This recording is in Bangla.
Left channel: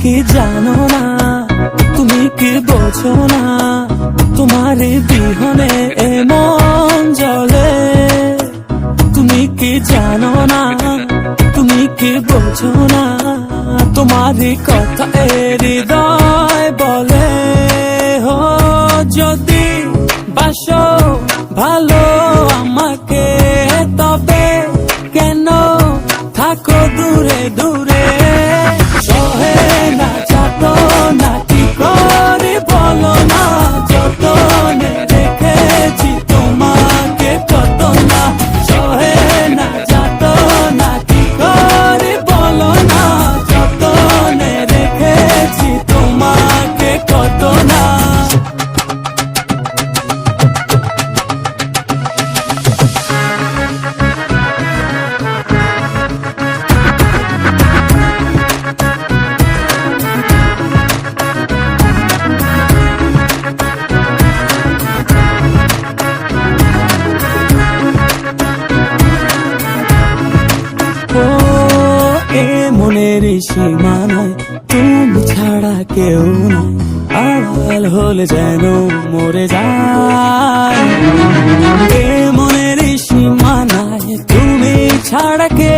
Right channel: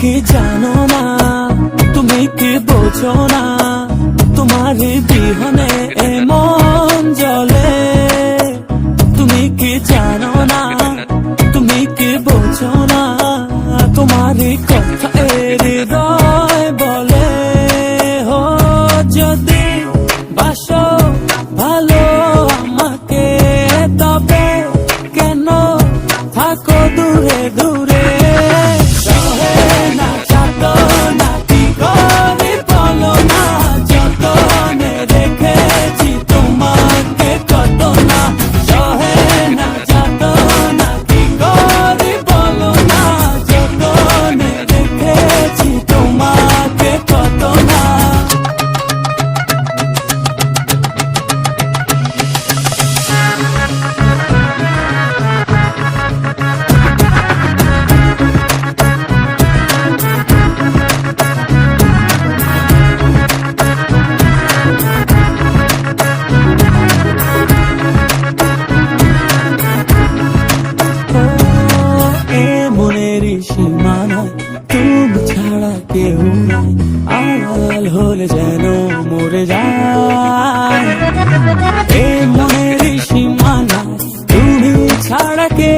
কি জানো না, তুমি কি বোঝো না, তোমার বিহনে এ মন জ্বলে। তুমি কি জানো না, তুমি কি বোঝো না, তোমারই কথা হৃদয় বলে। ও যদি বাসো ভালো আমাকে, তবে কেন থাকো দূরে দূরে। সীমানায় তুমি ছাড়া কেউ নাই, আড়াল হলে যেন মরে যায়। এই মনের সীমানায় তুমি ছাড়া কেউ